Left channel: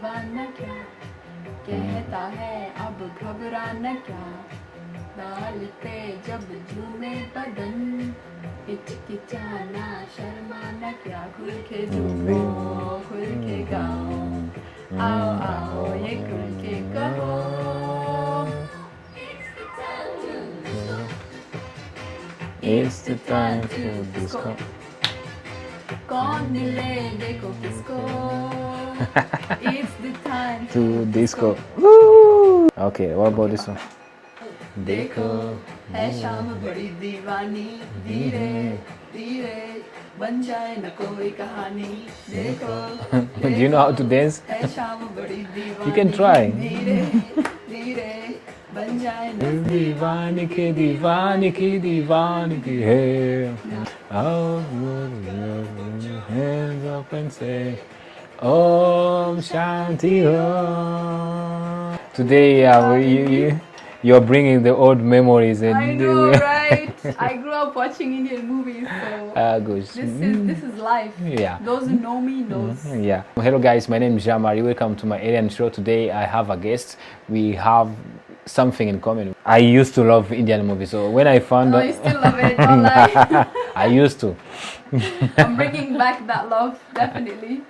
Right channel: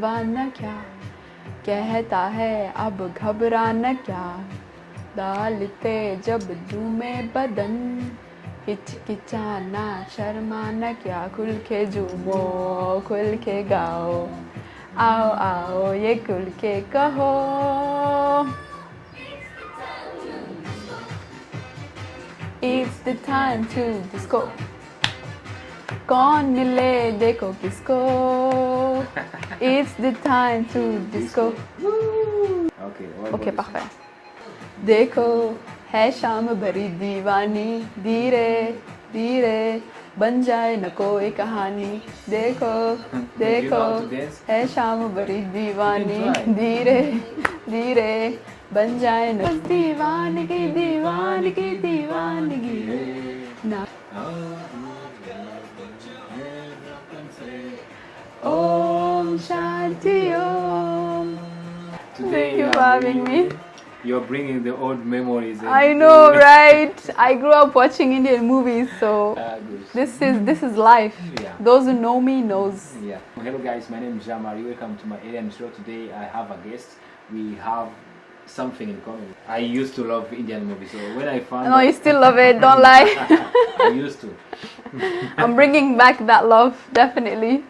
दीवाना क्या कहता है अब घबराना क्या डालते जब झूमे बदन हिचकिचाना शर्माना क्या खुल के झूमो खुल के गाओ आओ आओ ये खुल के कहो It's the time to disco कौन मिले देखो किसको It's the time to disco Okay, what about this one? देखो है शाम भरी दीवानी धीरे धीरे बन जाए न कोई कहानी देखो Do you know how to dance? है शाम भरी दीवानी You can try. धीरे धीरे बन जाए न दीवानी की दीवानी की दीवानी की है How would you hands up and say Om Shanti Om Today you're bringing the old memories and I know, right? I grew up watching Indian movies, so good. this is life. Yeah. Those who know me knows. Yeah. Well, hello guys, my name is Jean-Marie. Welcome to my alien show. Today I have a guest. We have something in common. I used to love Indian movies, so when I found No, you still love it, don't lie. I used to. I'm bringing back that love, definitely.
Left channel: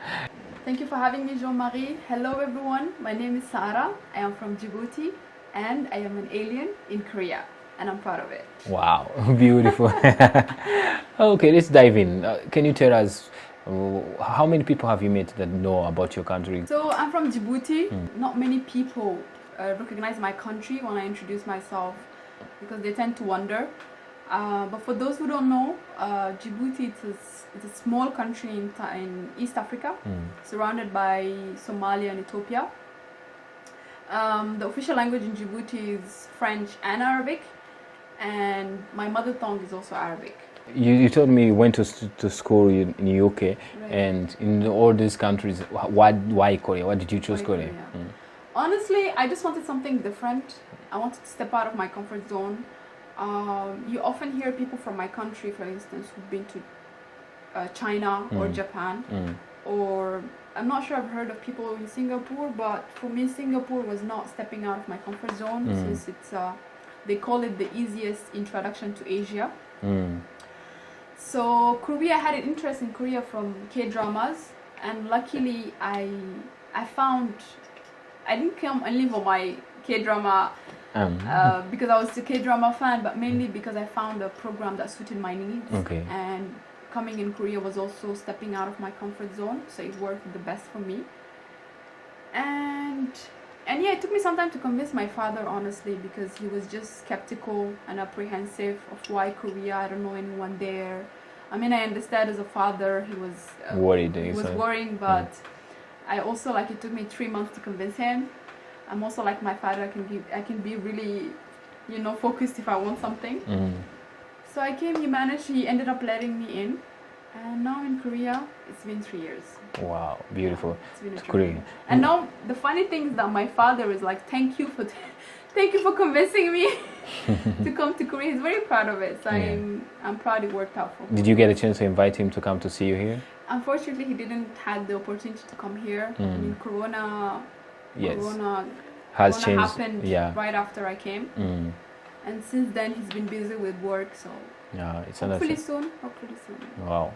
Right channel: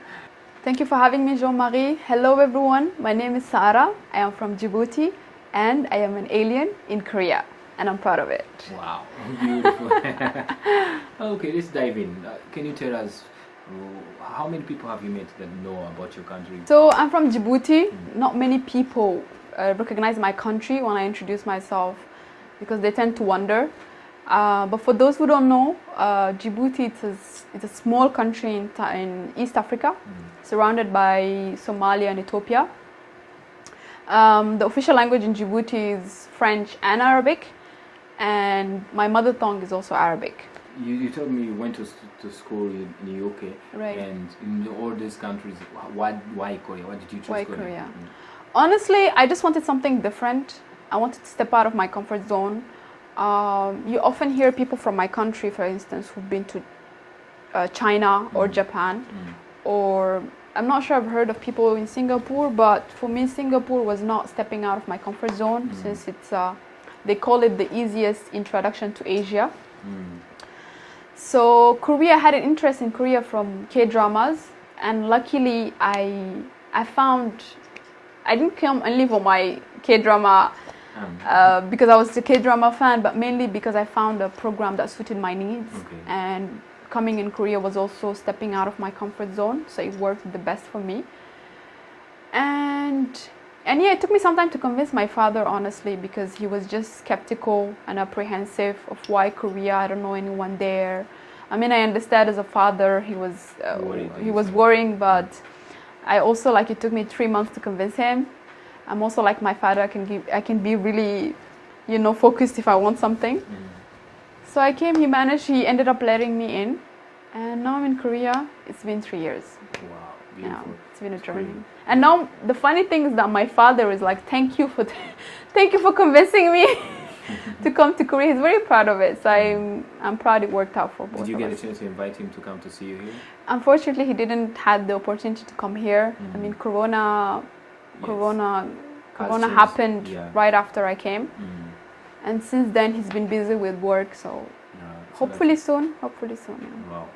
Thank you for having me, Jean-Marie. Hello everyone, my name is Sarah. I am from Djibouti and I am an alien in Korea and I'm proud of it. Wow, beautiful. Okay, let's dive in. Can you tell us how many people have you met that know about your country? So I'm from Djibouti. Not many people recognize my country when I introduce myself because they tend to wonder. But for those who don't know, Djibouti it's a small country in East Africa, surrounded by Somalia and Ethiopia. The official language in Djibouti is French and Arabic, and my mother tongue is also Arabic. You told me you went to school in the UK, Right. and in all these countries, why Korea? Why did you choose Why Korea? Korea? Honestly, I just wanted something different. I wanted to step out of my comfort zone. You often hear people from my country, for instance, who've been to China or Japan, or I'm not sure I've heard of people in Singapore, but for me, Singapore was not stepping out of my comfort zone since it's, they call it the easiest introduction to Asia. So Korea, I had an interest in Korea from K-dramas, and luckily I found, I didn't come only for my K-drama because I was a K-drama fan, but mainly because I found a program that suited my needs. Okay. And coming in Korea was also stepping out of my comfort zone, so it worked the best for me. And yeah, it took me some time to convince my father, honestly, because he was just skeptical and apprehensive of why Korea. I don't know anyone there. I mean, I understand as a father, he was worried. He was worrying, but I also, like, it took me 3 months to convince him. I'm also like my father. I can be really, focused if I want something. So I came, he ended up letting me in, and now I'm in Korea. It's been 3 years. Wow, beautiful. Yeah, it's been a Korea. journey. And now the funny thing is that my father is like, thank you for convincing me to come to Korea. He's very proud of it. So I'm proud it worked out for both. Did you get a chance to invite him to come to see you here? Unfortunately, he didn't have the opportunity to come here. I mean, Corona happened right after I came. And since then, he's been busy with work, so hopefully soon. Yeah.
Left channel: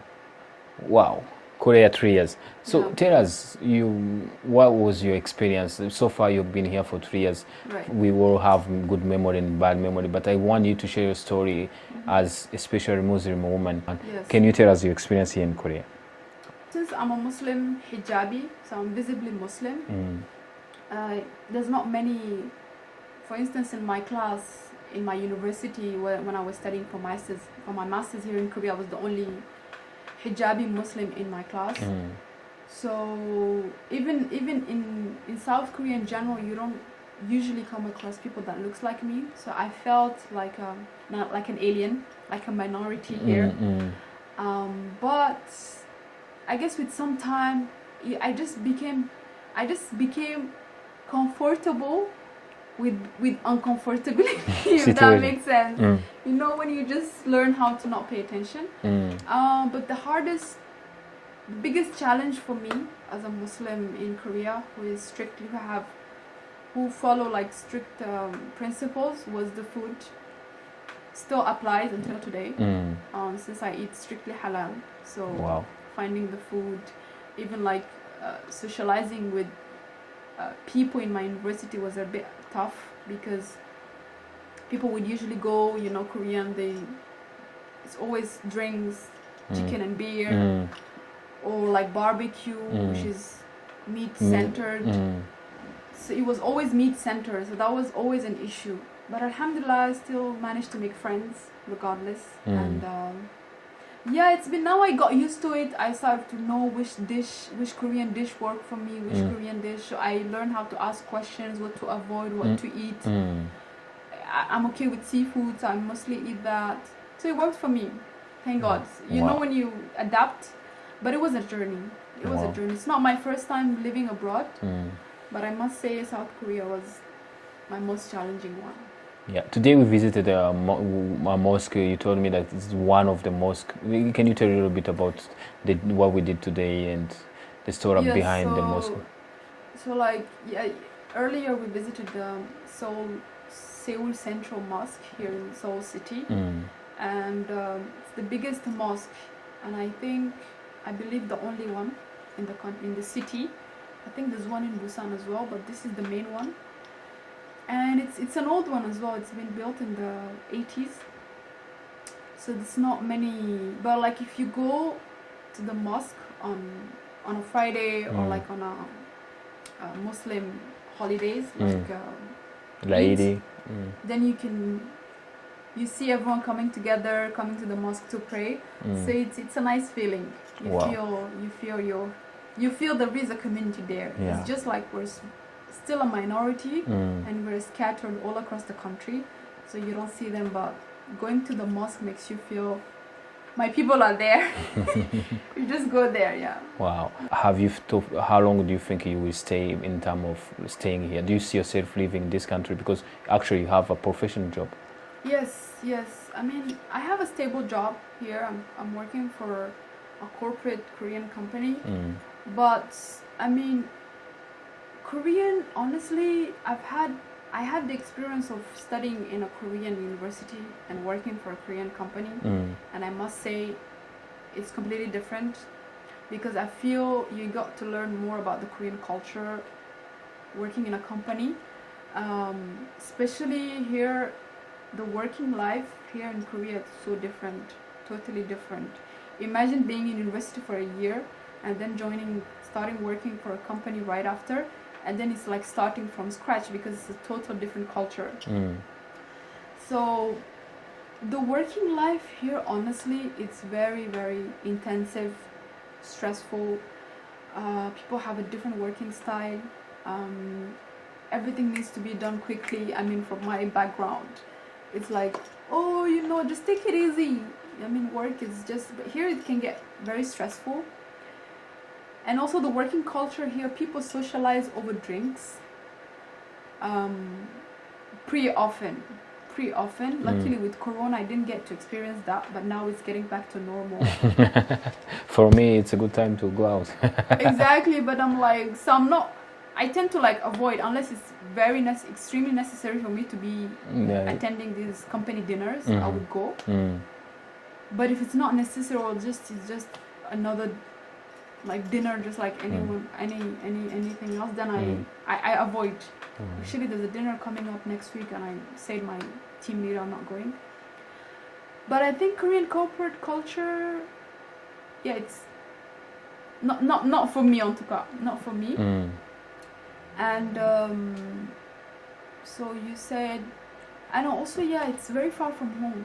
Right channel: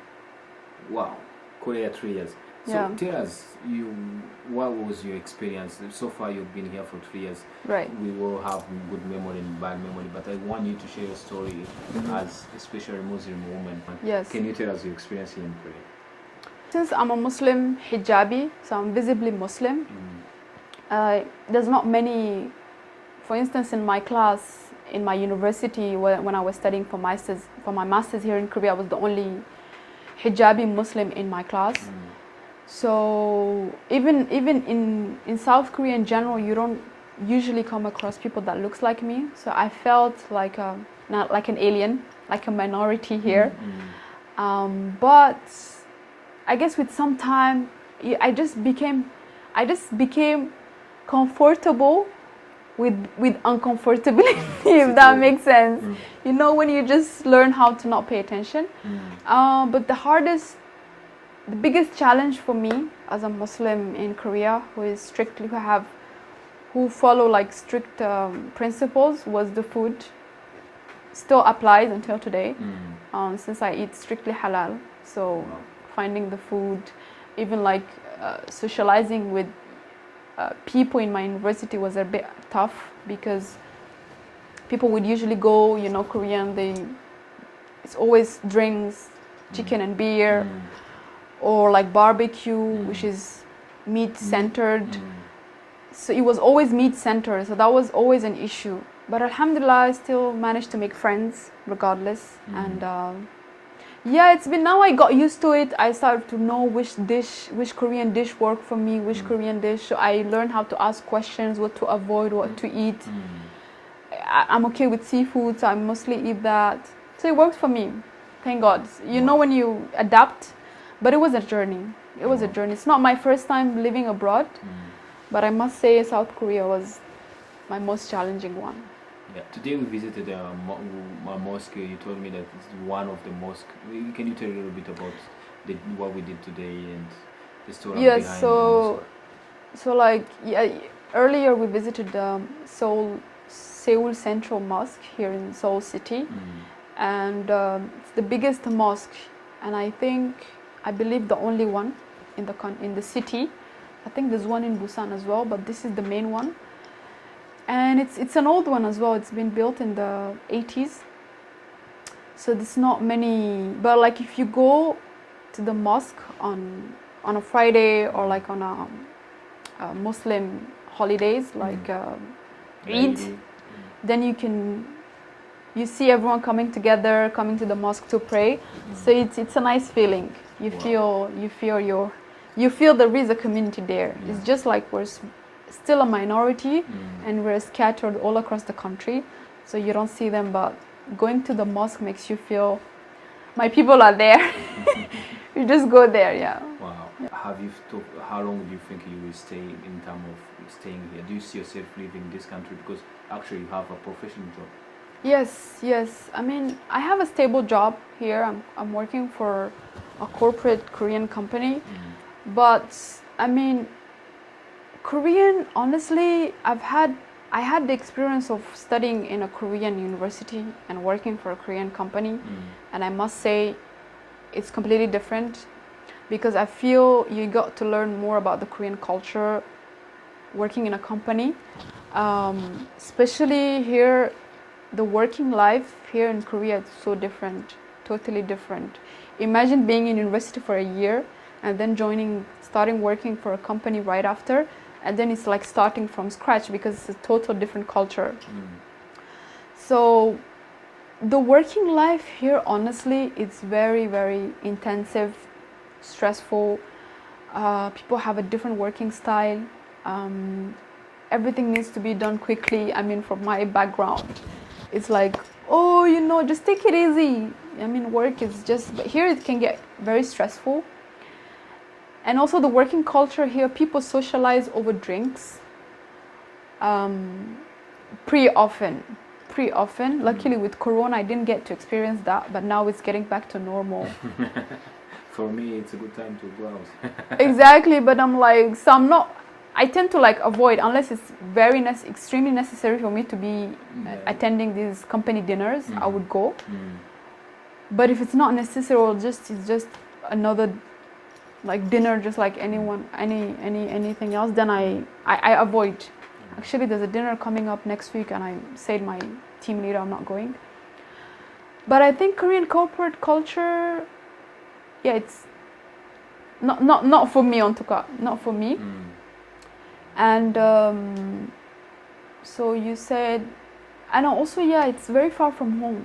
Wow. Korea 3 years. So Yeah. tell us, what was your experience? So far, you've been here for 3 years. Right. We will have good memory and bad memory, but I want you to share your story as especially Muslim woman. Yes. Can you tell us your experience here in Korea? Since I'm a Muslim hijabi, so I'm visibly Muslim, there's not many, for instance, in my class, in my university, when I was studying for my master's here in Korea, I was the only hijabi Muslim in my class. So even in South Korea in general, you don't usually come across people that looks like me. So I felt like not like an alien, like a minority here. But I guess with some time, I just became comfortable with uncomfortability, if that makes sense. When you just learn how to not pay attention. But the hardest the biggest challenge for me as a Muslim in Korea who follow like strict principles was the food. Still applies until today, since I eat strictly halal. So Wow. finding the food, even like socializing with people in my university was a bit tough because people would usually go, Korean, it's always drinks, chicken and beer, or like barbecue, which is meat centered. So it was always meat centered, so that was always an issue. But alhamdulillah, I still managed to make friends regardless. And it's been, now I got used to it. I started to know which Korean dish worked for me, which Korean dish. So I learned how to ask questions, what to avoid, what to eat. I'm okay with seafood, so I mostly eat that. So it worked for me, thank God. You know when you adapt, but it was a journey. It was a journey. It's not my first time living abroad, but I must say South Korea was my most challenging one. Yeah. Today we visited a mosque. You told me that it's one of the mosques. Can you tell a little bit about what we did today and the story behind the mosque? So like earlier we visited Seoul Central Mosque here in Seoul City, and it's the biggest mosque, and I believe the only one in the city. I think there's one in Busan as well, but this is the main one. And it's an old one as well. It's been built in the 80s. So there's not many, but like if you go to the mosque on a Friday or like on a Muslim holidays like Eid, then you see everyone coming together, coming to the mosque to pray. So it's a nice feeling. You feel there is a community there. Yeah. It's just like we're still a minority and we're scattered all across the country, so you don't see them, but going to the mosque makes you feel my people are there. You just go there. Yeah. Wow. How long do you think you will stay in terms of staying here? Do you see yourself leaving this country because actually you have a professional job? Yes. I mean, I have a stable job here. I'm working for a corporate Korean company, but I mean, Korean, honestly, I had the experience of studying in a Korean university and working for a Korean company, and I must say it's completely different because I feel you got to learn more about the Korean culture working in a company, especially here. The working life here in Korea is so different, totally different. Imagine being in university for a year and then starting working for a company right after. And then it's like starting from scratch because it's a total different culture. So the working life here, honestly, it's very, very intensive, stressful. People have a different working style. Everything needs to be done quickly. I mean, from my background, it's like, just take it easy. I mean, work is but here it can get very stressful. And also the working culture here, people socialize over drinks pretty often. Luckily with Corona, I didn't get to experience that, but now it's getting back to normal. For me, it's a good time to go out. Exactly, but I'm like, I tend to like avoid, unless it's extremely necessary for me to be attending these company dinners, I would go. But if it's not necessary or it's just another like dinner, just like anything else, then I avoid. Actually, there's a dinner coming up next week, and I said my team leader I'm not going. But I think Korean corporate culture, it's not for me, not for me. And so you said, and also it's very far from home,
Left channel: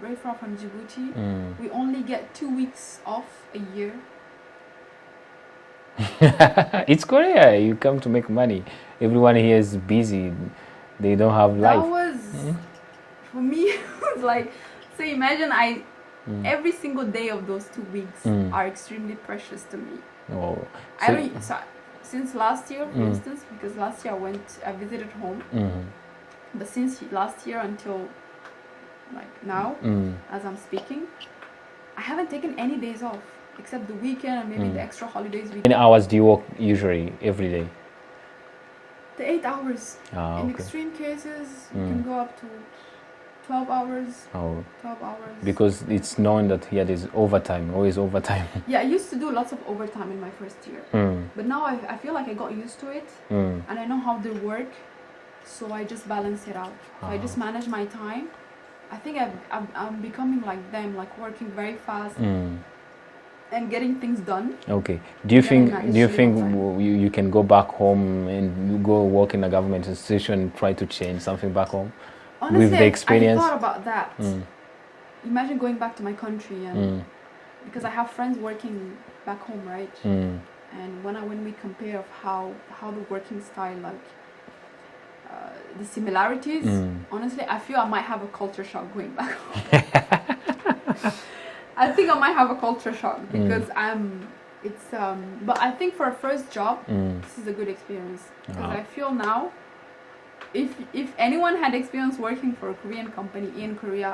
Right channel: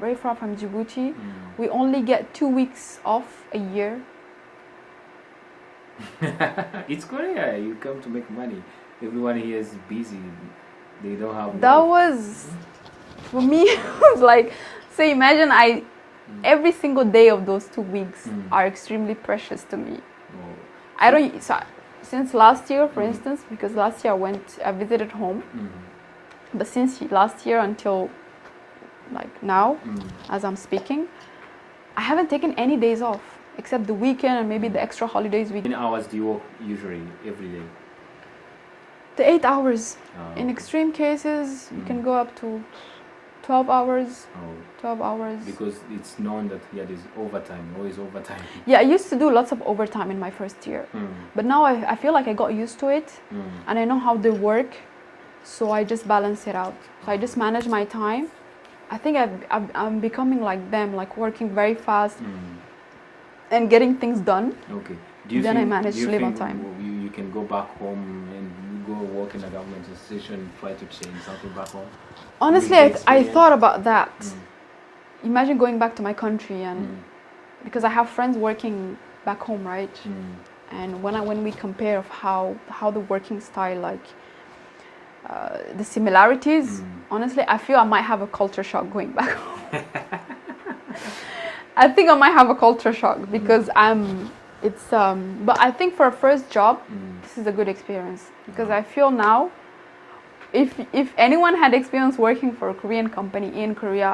very far from Djibouti. We only get 2 weeks off a year. It's Korea. You come to make money. Everyone here is busy. They don't have life. That was, for me, it was like, so imagine every single day of those 2 weeks are extremely precious to me. Oh. Since last year, for instance, because last year I visited home, but since last year until like now, as I'm speaking, I haven't taken any days off. except the weekend and maybe the extra holidays. How many hours do you work usually every day? The 8 hours. In Okay. extreme cases, you can go up to 12 hours. Oh, 12 hours. because it's known that here there's overtime, always overtime. Yeah, I used to do lots of overtime in my first year. But now I feel like I got used to it and I know how they work. So I just balance it out. So I just manage my time. I think I'm becoming like them, like working very fast and getting things done. Okay. Do you Then I think manage little you can go back home and go work in a government institution and try to change something back home? Honestly, With the I experience? thought about that. Imagine going back to my country and because I have friends working back home, right? And when we compare of how the working style, like the similarities, honestly, I feel I might have a culture shock going back home. I think I might have a culture shock because but I think for a first job, this is a good experience because Wow. I feel now, if anyone had experience working for a Korean company in Korea,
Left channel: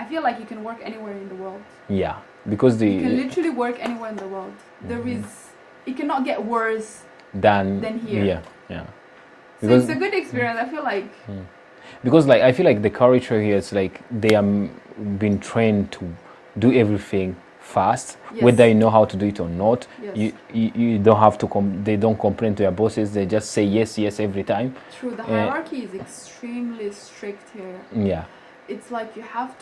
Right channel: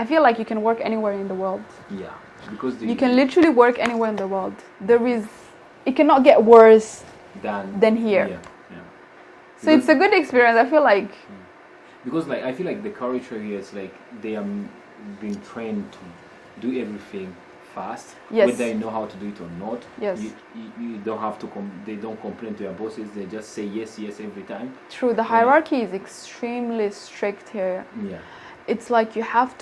I feel like you can work anywhere in the world. Yeah, because You can literally work anywhere in the world. It cannot get worse than here. Yeah. So it's a good experience. I feel like Because like I feel like the culture here is like they are been trained to do everything fast, Yes. whether you know how to do it or not. Yes. You don't have to they don't complain to your bosses. They just say yes every time. true. The hierarchy is extremely strict here. Yeah. It's like you have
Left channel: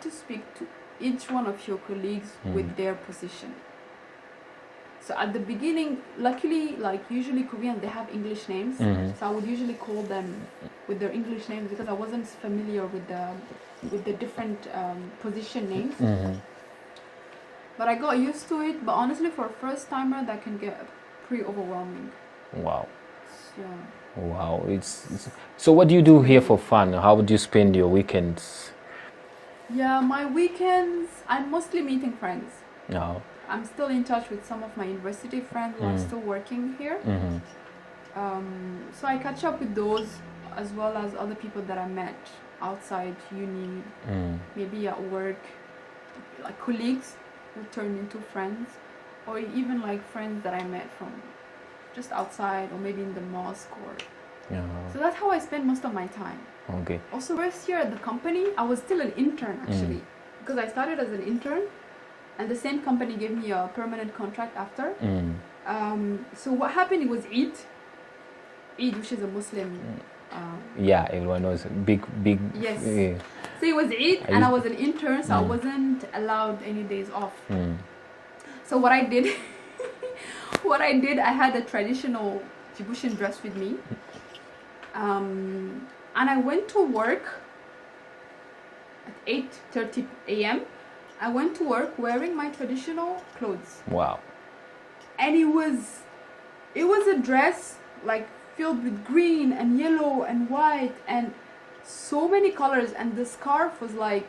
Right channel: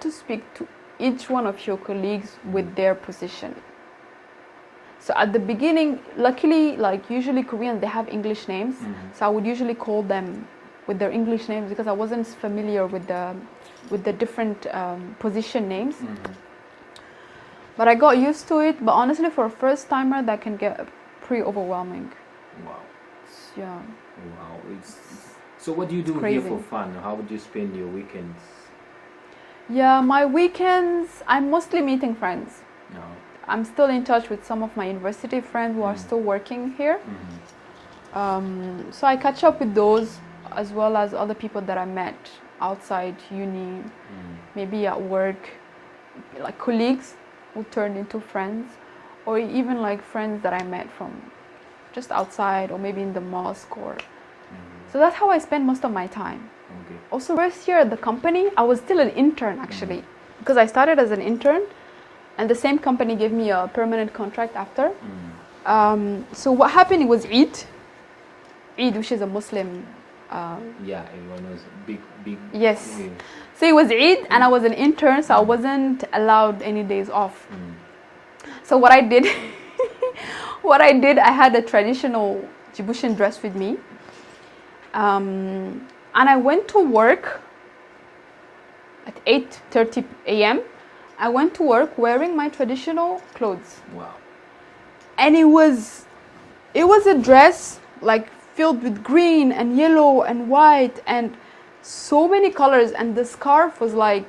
to speak to each one of your colleagues with their position. So at the beginning, luckily, like usually Koreans, they have English names. So I would usually call them with their English names because I wasn't familiar with the different position names. But I got used to it. But honestly, for a first timer, that can get pretty overwhelming. Wow. Yeah. Wow. So what do you do here Crazy. for fun? How would you spend your weekends? Yeah, my weekends, I'm mostly meeting friends. No. I'm still in touch with some of my university friends who are still working here. So I catch up with those as well as other people that I met outside uni, maybe at work, like colleagues who turned into friends, or even like friends that I met from just outside or maybe in the mosque or... So that's how I spend most of my time. Okay. Also, first year at the company, I was still an intern actually, because I started as an intern, and the same company gave me a permanent contract after. So what happened? It was Eid, which is a Muslim. Yeah, everyone knows big. Yes. So it was Eid, and I was an intern, so I wasn't allowed any days off. So what I did, I had a traditional Djiboutian dress with me. And I went to work at 8:30 a.m. I went to work wearing my traditional clothes. Wow. And it was a dress like filled with green and yellow and white and so many colors, and the scarf was like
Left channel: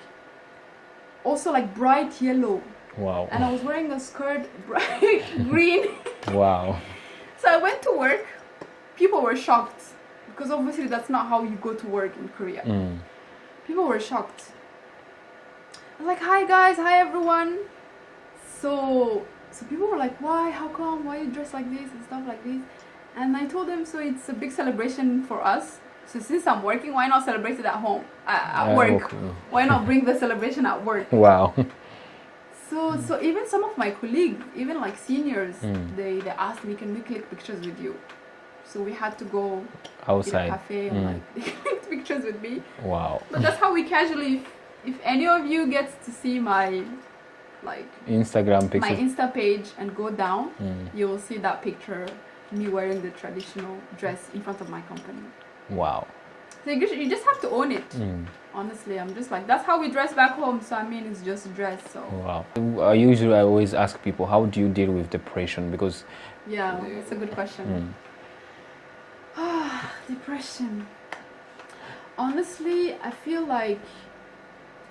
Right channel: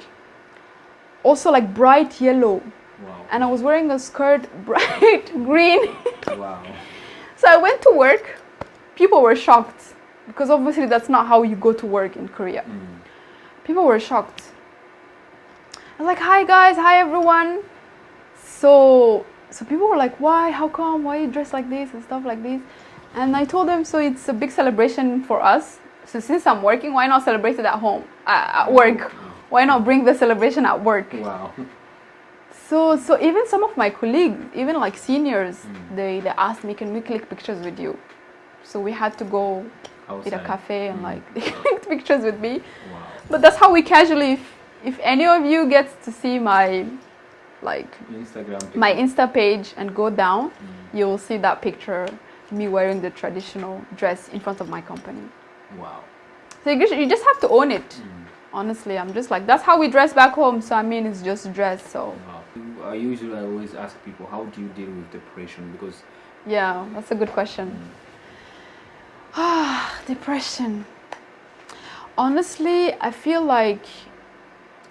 also like bright yellow. Wow. And I was wearing a skirt bright green. Wow. So I went to work. People were shocked because obviously that's not how you go to work in Korea. People were shocked. I was like, hi guys, hi everyone. So people were like, why, how come, why you dress like this and stuff like this? And I told them, so it's a big celebration for us. So since I'm working, why not celebrate it at home, at work? Okay. Why not bring the celebration at work? Wow. So even some of my colleagues, even like seniors, they asked me, can we click pictures with you? So we had to go Outside. in a cafe and like they clicked pictures with me. Wow. But that's how we casually, if any of you gets to see my like Instagram picture. my Insta page and go down, you will see that picture, me wearing the traditional dress in front of my company. Wow. So you just have to own it. Honestly, I'm just like, that's how we dress back home. So I mean, it's just dress. So Wow. I always ask people, how do you deal with depression? Because yeah, that's a good question. Depression. Honestly, I feel like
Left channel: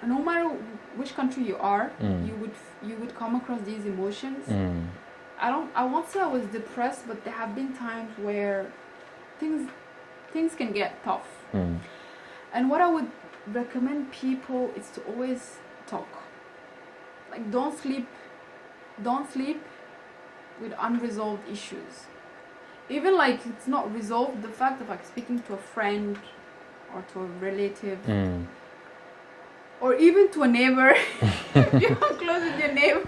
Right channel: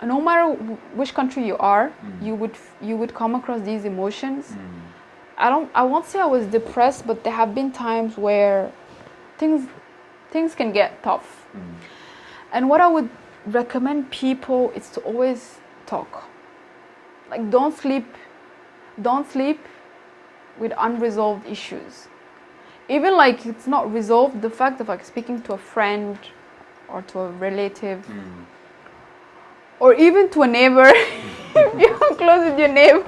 no matter which country you are, you would come across these emotions. I won't say I was depressed, but there have been times where things can get tough. And what I would recommend people is to always talk. like don't sleep with unresolved issues. Even like it's not resolved, the fact of like speaking to a friend or to a relative or even to a neighbor. If you're close with your neighbor.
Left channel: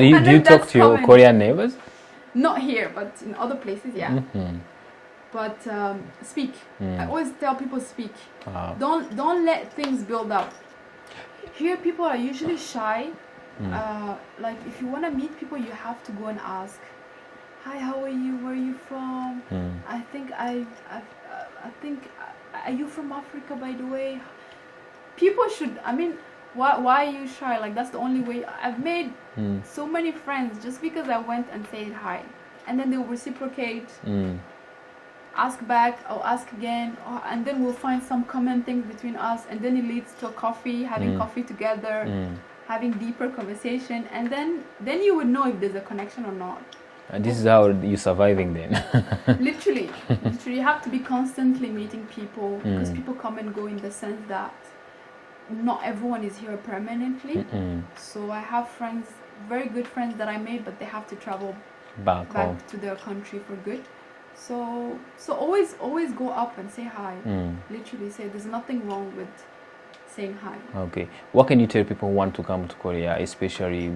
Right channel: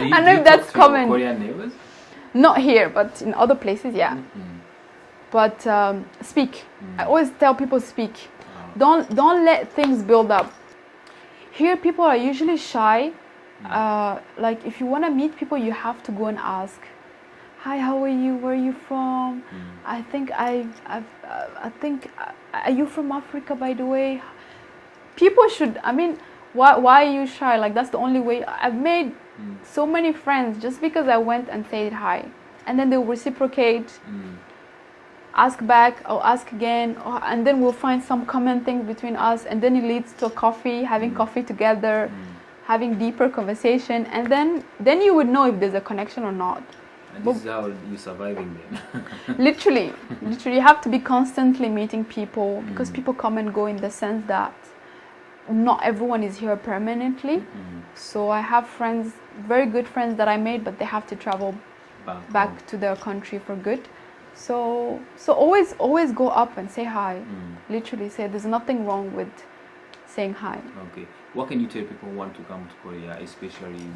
Do you talk to your Korean neighbors? Not here, but in other places, yeah. But speak. I always tell people speak. Don't let things build up. Here people are usually shy. Like if you want to meet people, you have to go and ask, "Hi, how are you? Where are you from? I think are you from Africa, by the way?" People should. I mean, why are you shy? Like that's the only way. I've made so many friends just because I went and said hi, and then they'll reciprocate. Ask back or ask again, and then we'll find some common things between us, and then it leads to a coffee, having coffee together, having deeper conversation, and then you would know if there's a connection or not. And this is how you're surviving then. Literally, you have to be constantly meeting people because people come and go in the sense that not everyone is here permanently. So I have friends, very good friends that I made, but they have to travel back to their country for good. So always go up and say hi. Literally say there's nothing wrong with saying hi. Okay. What can you tell people who want to come to Korea, especially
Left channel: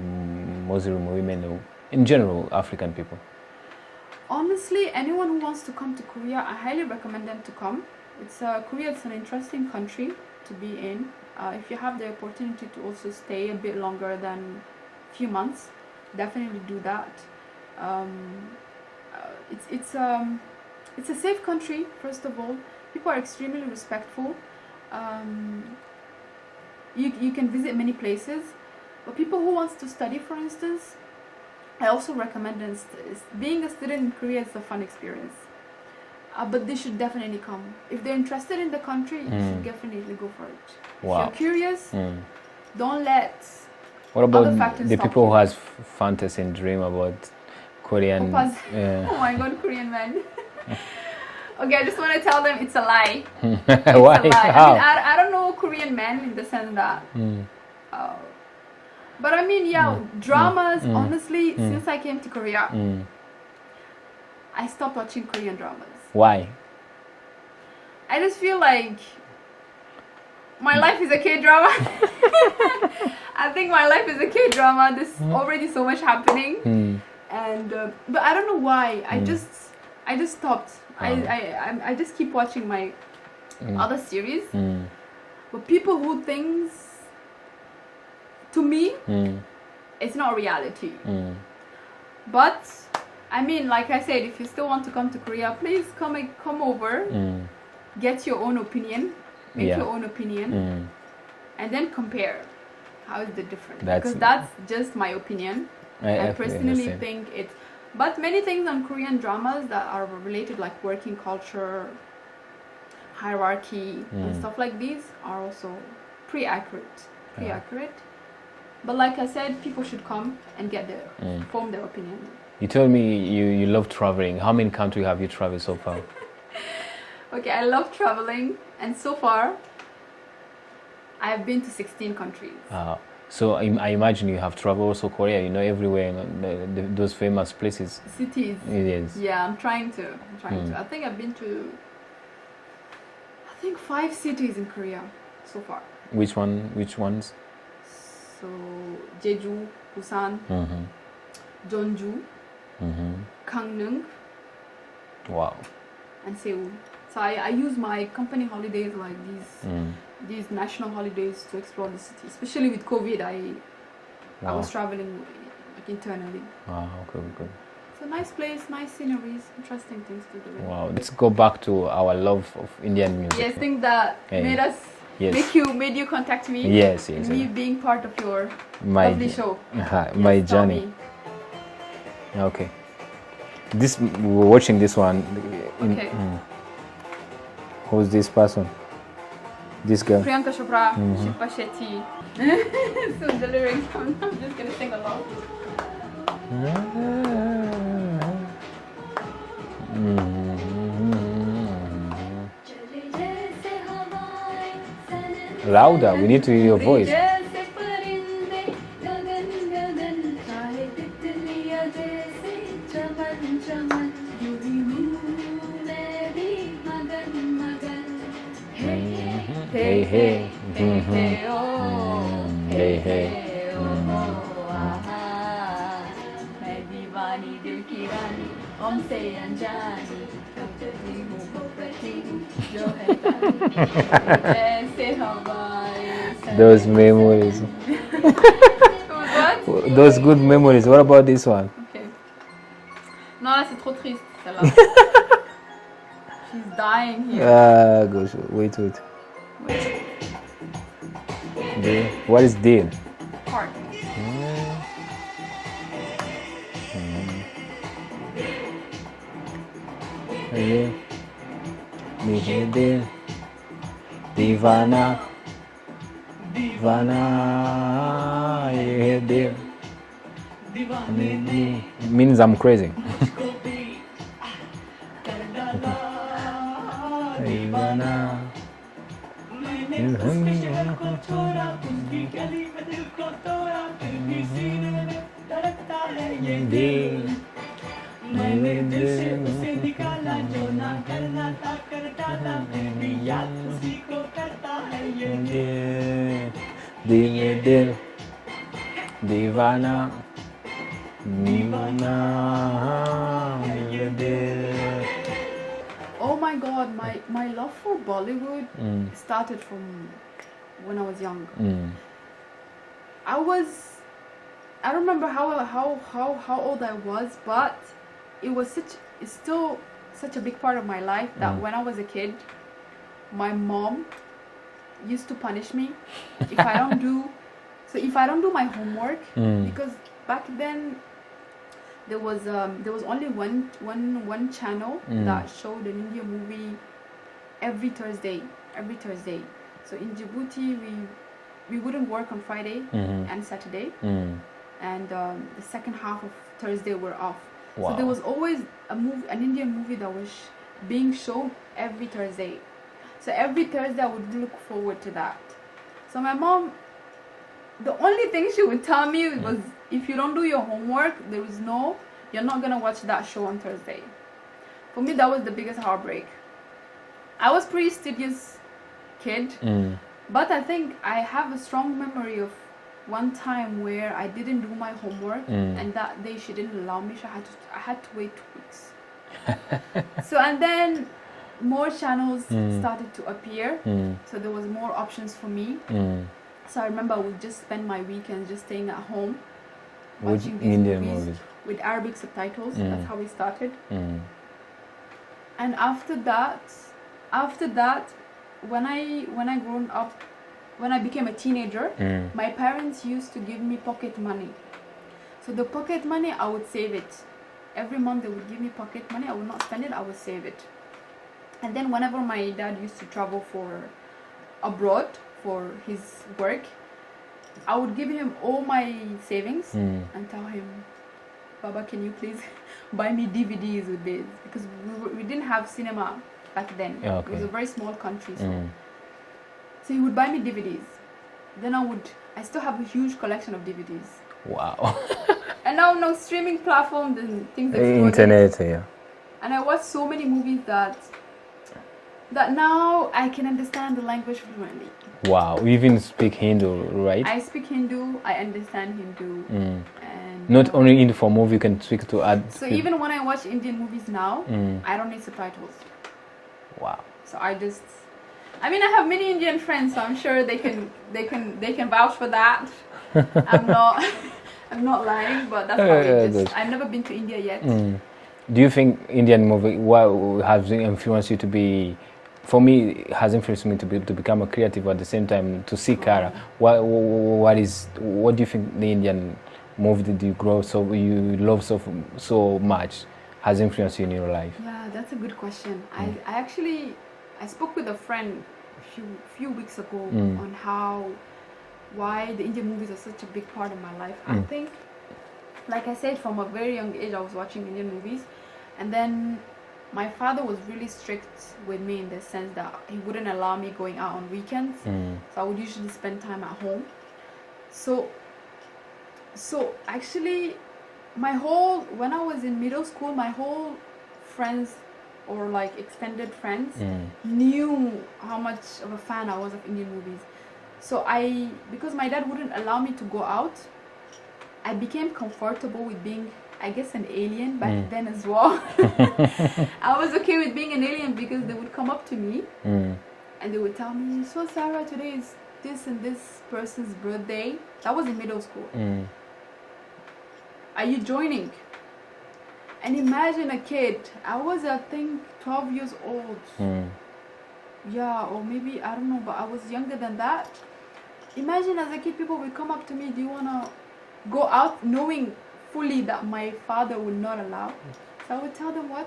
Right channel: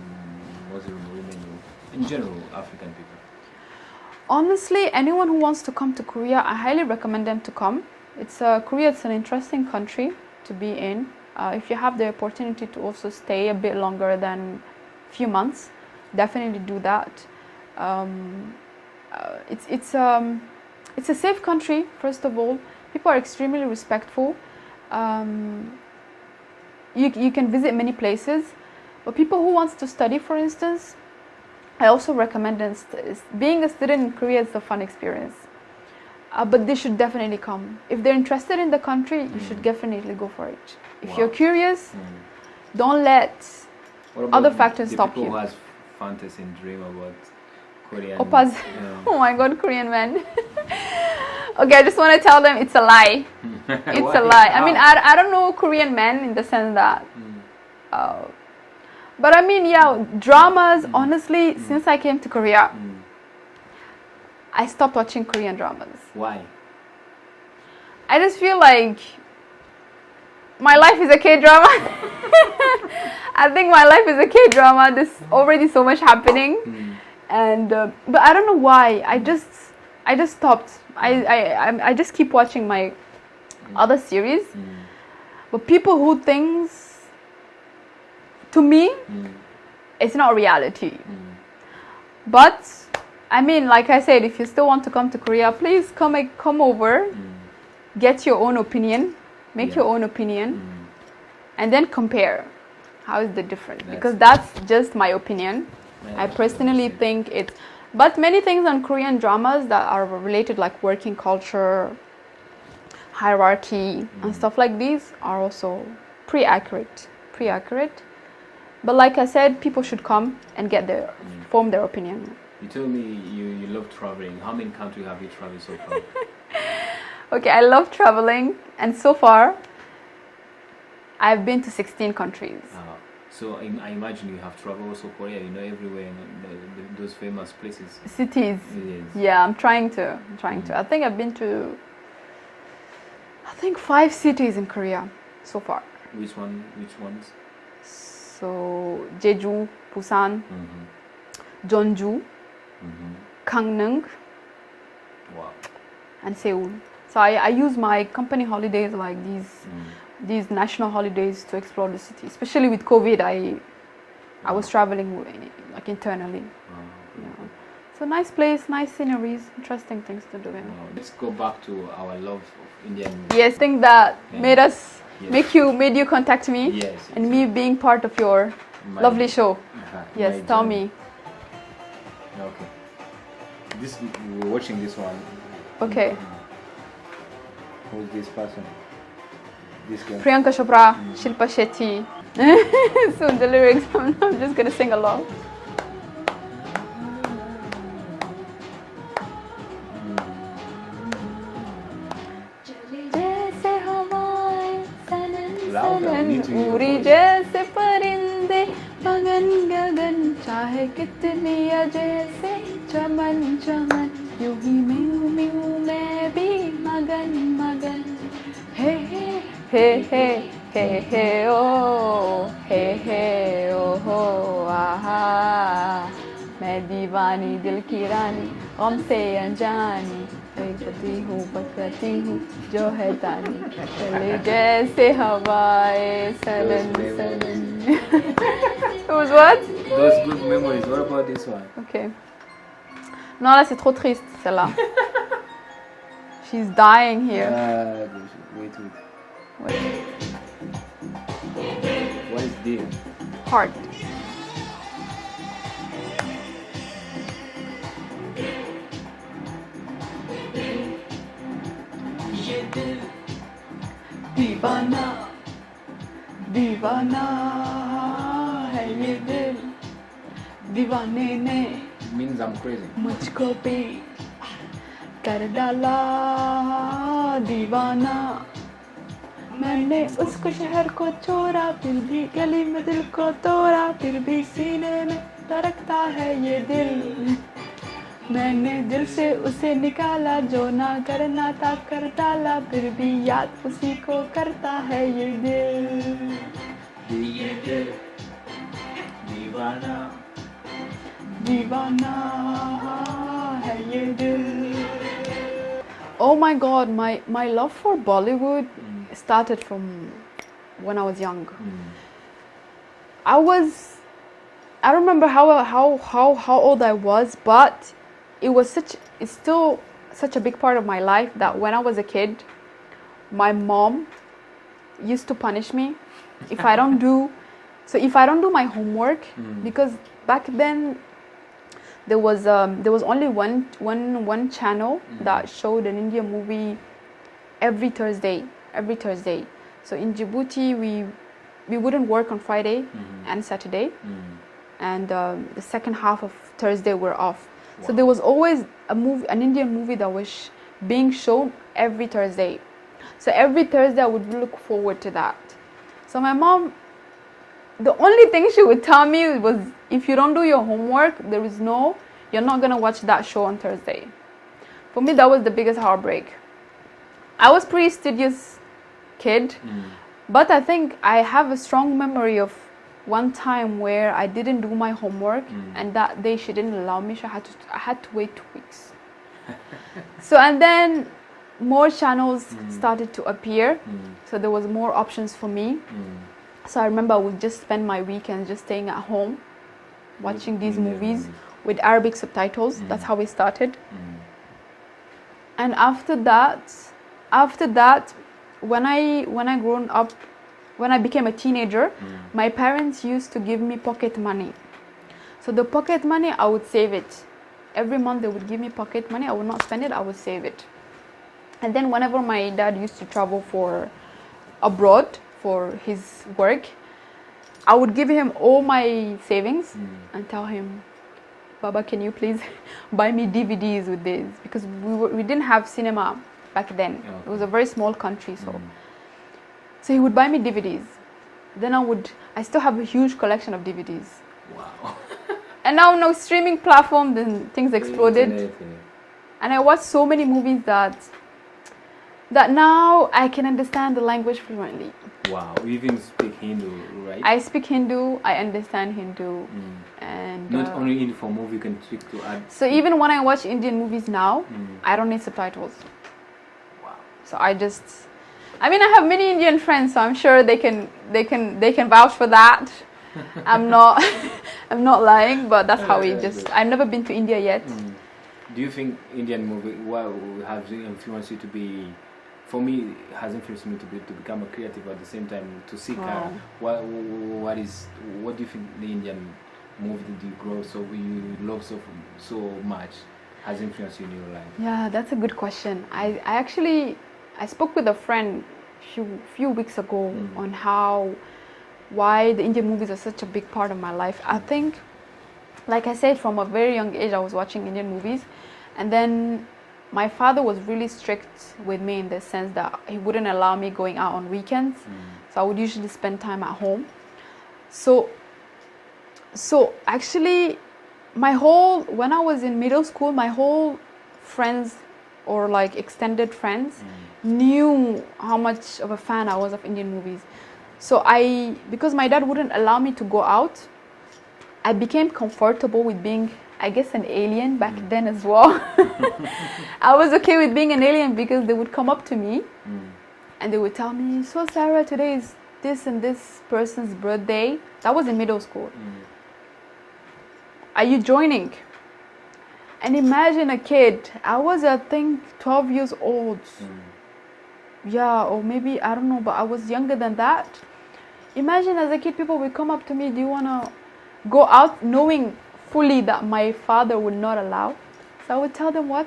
Muslim women or in general African people? Honestly, anyone who wants to come to Korea, I highly recommend them to come. Korea is an interesting country to be in. If you have the opportunity to also stay a bit longer than a few months, definitely do that. It's a safe country, first of all. People are extremely respectful. You can visit many places, but people who wants to study, for instance, I also recommend them. Being a student in Korea is a fun experience, but they should definitely come. If they're interested in the country, you should definitely go for it. If you're curious, don't let other factors stop you. The people who has fantasy and dream about Korean oppas. Oh my God, Korean men. Okay, I just want to tell them it's a lie. It's a lie. I mean, I don't know Korean men in the sense that, but I mean, dramas. Honestly, since I came to Korea, I stopped watching Korean dramas. Why? I just feel like my life is a K-drama. I think my life is a K-drama. There's already so much happening. And but I don't know why. I just stopped. I just keep watching my other series. But people who thinks, to me, it's not reality. But I mean, like I said, if you still want to come to Korea, please come over, get your own opinion, make your own opinion, and then compare. How is the difference? Because that's just my opinion. I personally think it's, but many things on Korean dramas that are related, like working culture, hierarchy, and stuff like these, are also pretty accurate. But like I said, people should come and form their opinion. You told me you love traveling. How many countries have you traveled so far? Okay, I love traveling, and so far, I've been to 16 countries. So I imagine you have traveled also Korea, everywhere, those famous places. Cities. Yes. Yeah, I'm trying to. I think I've been to, 5 cities in Korea so far. Which ones? So, Jeju, Busan, Jeonju, Gangneung. Wow. And Seoul. So I use my company holidays, like these national holidays, to explore the city. Especially with COVID, I was traveling like internally. Wow, cool. So nice place, nice sceneries, interesting things to do. Wow. Let's go back to our love of Indian music. Yes, I think that made you contact me. Yes. And me being part of your lovely show. My tell journey. me. Okay. We're watching this one. Okay. Who's this person? This girl. Priyanka Chopra, Shilpa Shetty. So the lyrics, I'm just gonna sing along. Louder, we need to hear your voice. यूं ही मैं भी मगन मगन हे हे हे हे हे ओ हो आहा मैं दीवानी दिल की रानी हमसे अनजानी बकती हूँ जो है जानी चले जैसे हवाएं Those memories. It was what? Those good memories. What about this one? Okay. Non, là, c'est trop triste, celle-là. She's dying here. Ah, gosh, wait. What is Dean? Heart. Divana. दीवाने ने Means I'm crazy. मुझको भी कर डाला दीवाना मैंने उसको शहर को छोड़ा फिर भी गली में दिल को तोड़ा फिर भी सीने में धड़कता है ये दिल मैंने दिल से उसे निकाला जो ना करना था कर डाला फिर भी याद उसी को करता है ये दिल Divana. Oh my god, my love for Bollywood started from when I was young. I don't remember how old I was, but it's still such a big part of my life that when I was a kid, my mom used to punish me if I don't do my homework because back then there was only one channel that showed an Indian movie every Thursday. So in Djibouti we wouldn't work on Friday and Saturday and the second half of Thursday we're off. Wow. So there was always an Indian movie that was being shown every Thursday. So every Thursday I would look forward to that. So my mom, the only thing she would tell me was, if you don't do your homework, you're not gonna watch that show on Thursday. For me, that was the biggest heartbreak. I was pretty studious kid, but I think I have a strong memory of one time where I didn't do my homework, and that day she didn't allow me. So I had to wait 2 weeks. So and then more channels started to appear, so there was more options for me. So I remember I would just spend my weekends just staying at home, watching these movies with Arabic subtitles. That's how we started. And after that, when I grown up, when I became a teenager, my parents used to give me pocket money. So the pocket money, I would save it. Every month they would give me pocket money. I would not spend it, I would save it. And then whenever my dad used to travel for abroad for his work, I would give him all my savings and tell him, Baba, can you please buy me DVDs with this? Because we didn't have cinema back then. Yeah, okay. It was a very small country, so he would buy me DVDs. Then I still have a huge collection of DVDs. Wow. And now no streaming platforms and things exploded. Internet, yeah. And I watched so many movies that now I can understand the language fluently. Wow, you even speak Hindu, right? I speak Hindu, I understand Hindu. And not only Hindu, for movie you can speak to add. So even when I watch Indian movies now, I don't need subtitles. Wow. So I have many Indian friends, so I'm sure they can vouch for that. I'm not lying, but that's how it just. I've never been to India yet. Do you think Indian movie has influenced you to be? For me, it has influenced me to become a creative at the same time to see Kara. What do you think the Indian movie that you grow you love so much has influenced you in your life? Yeah, that's a good question. I spoke with a friend a few weeks ago on why the Indian movies are such a big part of my life. I think, like I said, from a very young age I was watching Indian movies, and then my father was really strict with me in the sense that he wouldn't allow me going out on weekends. So I would usually spend time at home. So actually when I was in middle school, my whole friends or like extended friends knew how much of a fan I was of Indian movies. So because my dad wouldn't allow me to go out, I became comfortable with being, I guess, an alien back then as well. I was okay with being an alien because they would come up to me and they would tell me, so Sarah, today is this and this person's birthday. That was in middle school. Are you joining? And imagine a kid, I was, I think, 12 years old. Yeah, or maybe, I don't know, but I was younger than that. Imagine as a kid, people would come up to me, do you want to go out, knowing fully that my father would not allow. So I would tell them, what?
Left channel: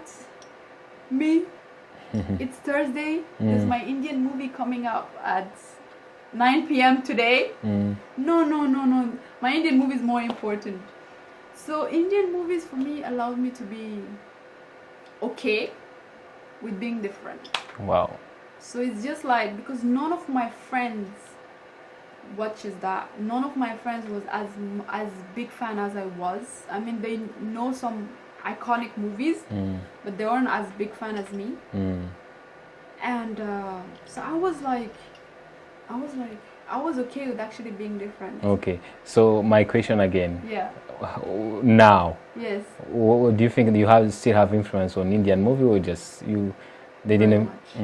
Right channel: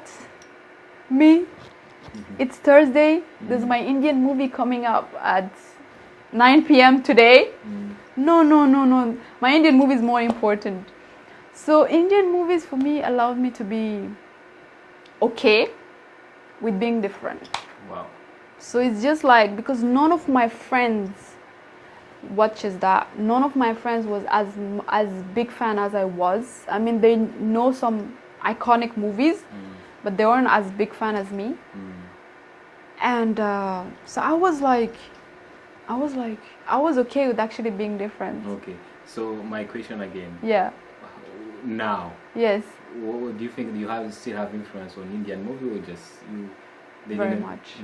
Me? It's Thursday, there's my Indian movie coming up at 9 p.m. today. No. My Indian movie is more important. So Indian movies for me allowed me to be okay with being different. Wow. So it's just like, because none of my friends watches that. None of my friends was as big fan as I was. I mean, they know some iconic movies, but they weren't as big fan as me. And so I was okay with actually being different. Okay. So my question again. Yeah. Now. Yes. What do you think you still have influence on Indian movie, or just you? They Very didn't. much.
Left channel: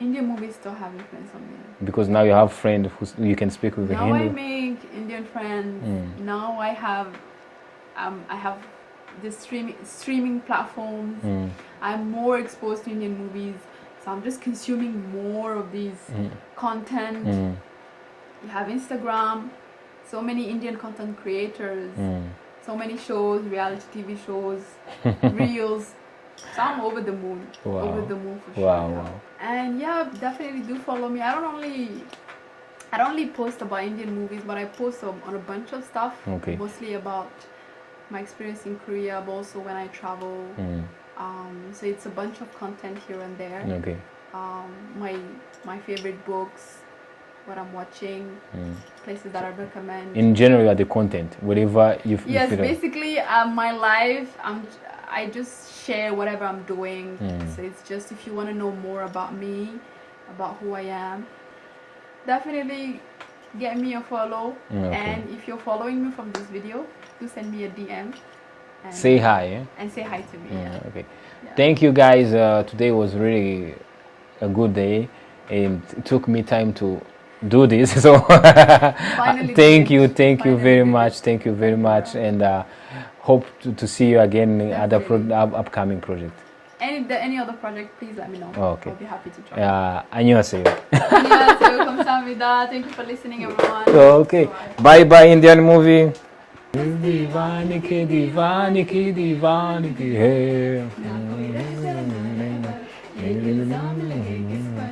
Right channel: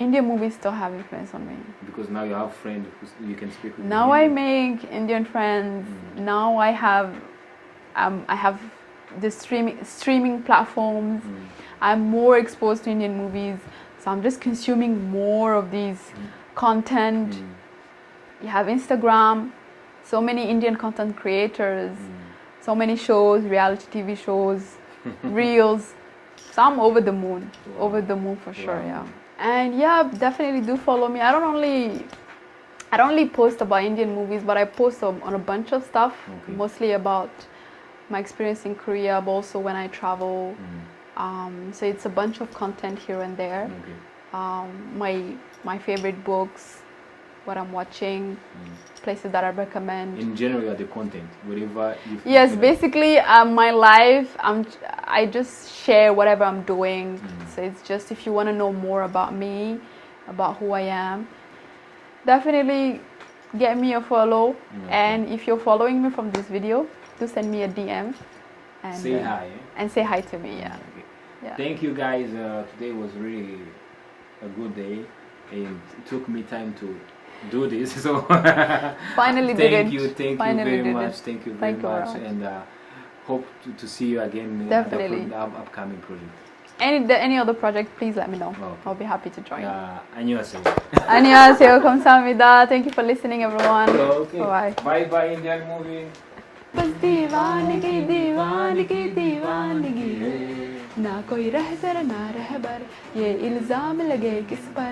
Indian movies still have influence on me. Because now you have friends who you can speak with. Now I make Indian friends. Now I have the streaming platforms. I'm more exposed to Indian movies, so I'm just consuming more of these content. You have Instagram, so many Indian content creators, so many shows, reality TV shows, reels. So I'm over the moon. Wow. Over the moon for sure. Wow. Yeah. And yeah, definitely do follow me. I don't only post about Indian movies, but I post on a bunch of stuff. Okay. Mostly about my experience in Korea, but also when I travel. So it's a bunch of content here and there. Okay. My favorite books, what I'm watching, places that I recommend. In general, you are the content, whatever you feel. Yes, basically, my life, I just share whatever I'm doing. So it's just, if you want to know more about me, about who I am, definitely get me a follow. And if you're following me from this video, do send me a DM. And say hi. Eh? And say hi to me, yeah. Okay. Yeah. Thank you guys. Today was really a good day, and it took me time to do this. So Finally thank did you it. very much. Thank you very much, and hope to see you again at the upcoming project. Any other project, please let me know. Okay. I'll be happy to join. 안녕하세요. 안녕하세요. 감사합니다. Thank you for listening, everyone. Okay. Bye. Bye Indian movie. दीवाने की है ना कोई रह जरा ना रहबर ये इल्जाम लगे किस पर